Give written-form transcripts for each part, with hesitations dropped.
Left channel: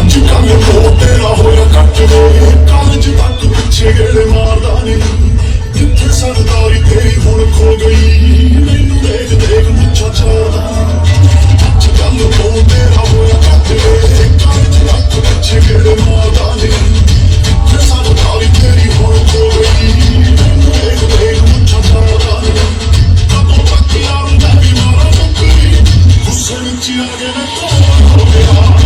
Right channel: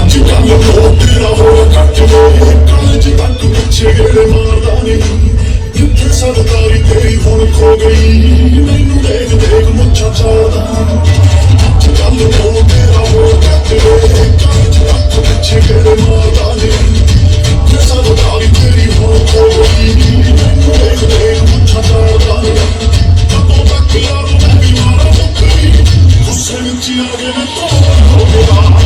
ਅੱਜ ਕੱਲ ਉਹ ਤੇਰਾ ਹੋਇਆ ਕੱਟ ਕਾਲਜ ਤੱਕ ਪਿੱਛੇ ਗੇੜੇ ਮਾਰਦਾ ਨਹੀਂ ਕਿੱਥੇ ਸਰਦਾਰੀ ਤੇਰੀ ਹੁਣ ਖੋ ਗਈ ਮੈਨੂੰ ਦੇਖ ਦੇਖ ਮੁੱਛਾਂ ਚਾੜਦਾ ਅੱਜ ਕੱਲ ਉਹ ਤੇਰਾ ਹੋਇਆ ਕੱਟ ਕਾਲਜ ਤੱਕ ਪਿੱਛੇ ਗੇੜੇ ਮਾਰਦਾ ਨਹੀਂ ਕਿੱਥੇ ਸਰਦਾਰੀ ਤੇਰੀ ਹੁਣ ਖੋ ਗਈ ਮੈਨੂੰ ਦੇਖ ਦੇਖ ਮੁੱਛਾਂ ਚਾੜਦਾ ਕਦੋਂ ਤੱਕ ਯਾਰੋਂ ਨਹੀਂ ਮਾਰਾਂ ਮੁੱਕਰੀ ਗੁੱਸੇ ਵਿੱਚ ਆ ਕੇ ਮੈਂ ਹੋ ਗਿਆ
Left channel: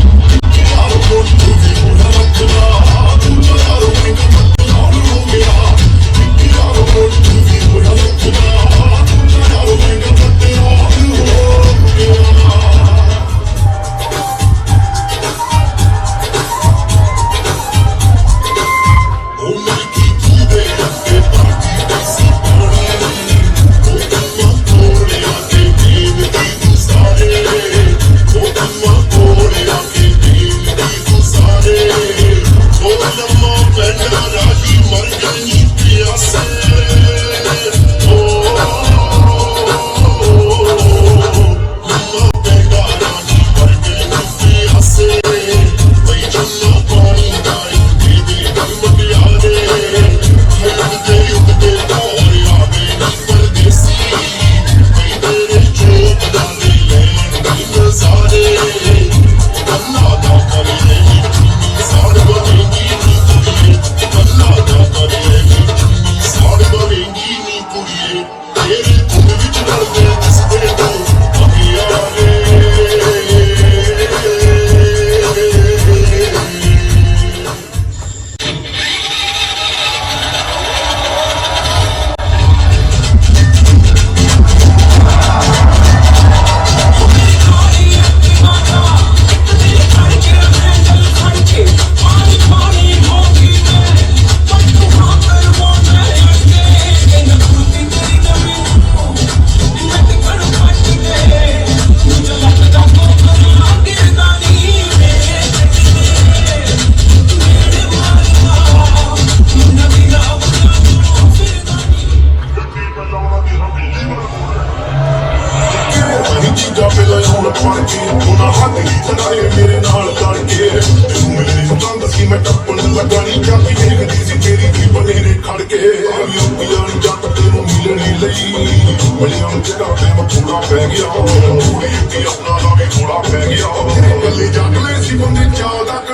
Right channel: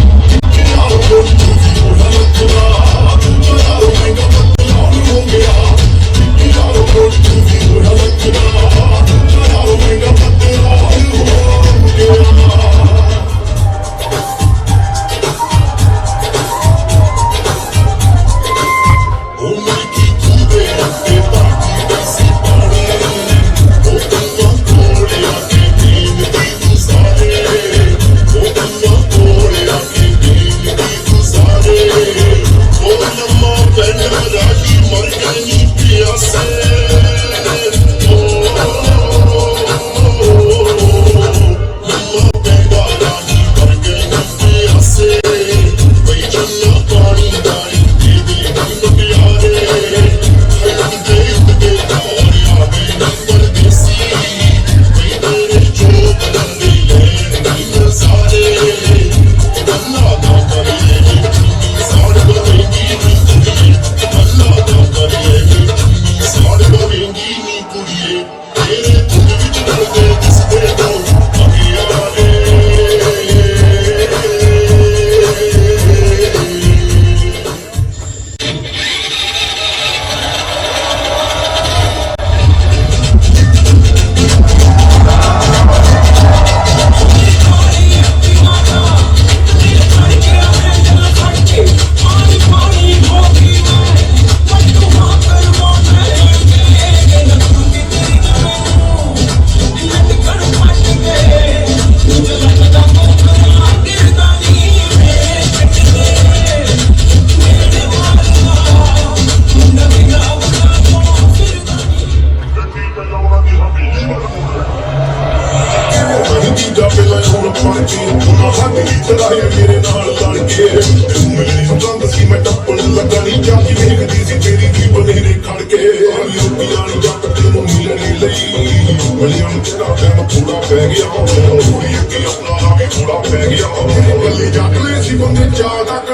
ਮੇਰੇ ਨਾਲ ਕਰਕੇ ਮੈਨੂੰ ਤਾਂ ਸੀ ਮੈਂ ਟੱਪਣ ਲੱਗਾ ਨਹੀਂ ਜਾਂਦੀ ਦੇਖਦੀ ਸੀ ਤੇਰੀ ਵੀ ਬਨੇਰੇ ਖੜ ਕੇ ਲੋਕੀਆਂ ਜੱਟ ਤੈਨੂੰ ਮਿਲਣੀ ਲਈ ਬਲੀਆਂ ਤੇਰਾ ਟਾਈਮ ਥੋੜਾ ਪੈ ਗਿਆ ਥੋੜੀ ਅੱਗੇ ਆਪਣਾ ਵੀ ਥੋੜਾ ਪੈ ਗਿਆ ਗੱਲੀ ਜੱਟ ਲੈ ਸੀ ਬੰਦੇ ਚਾਹ ਤੱਕ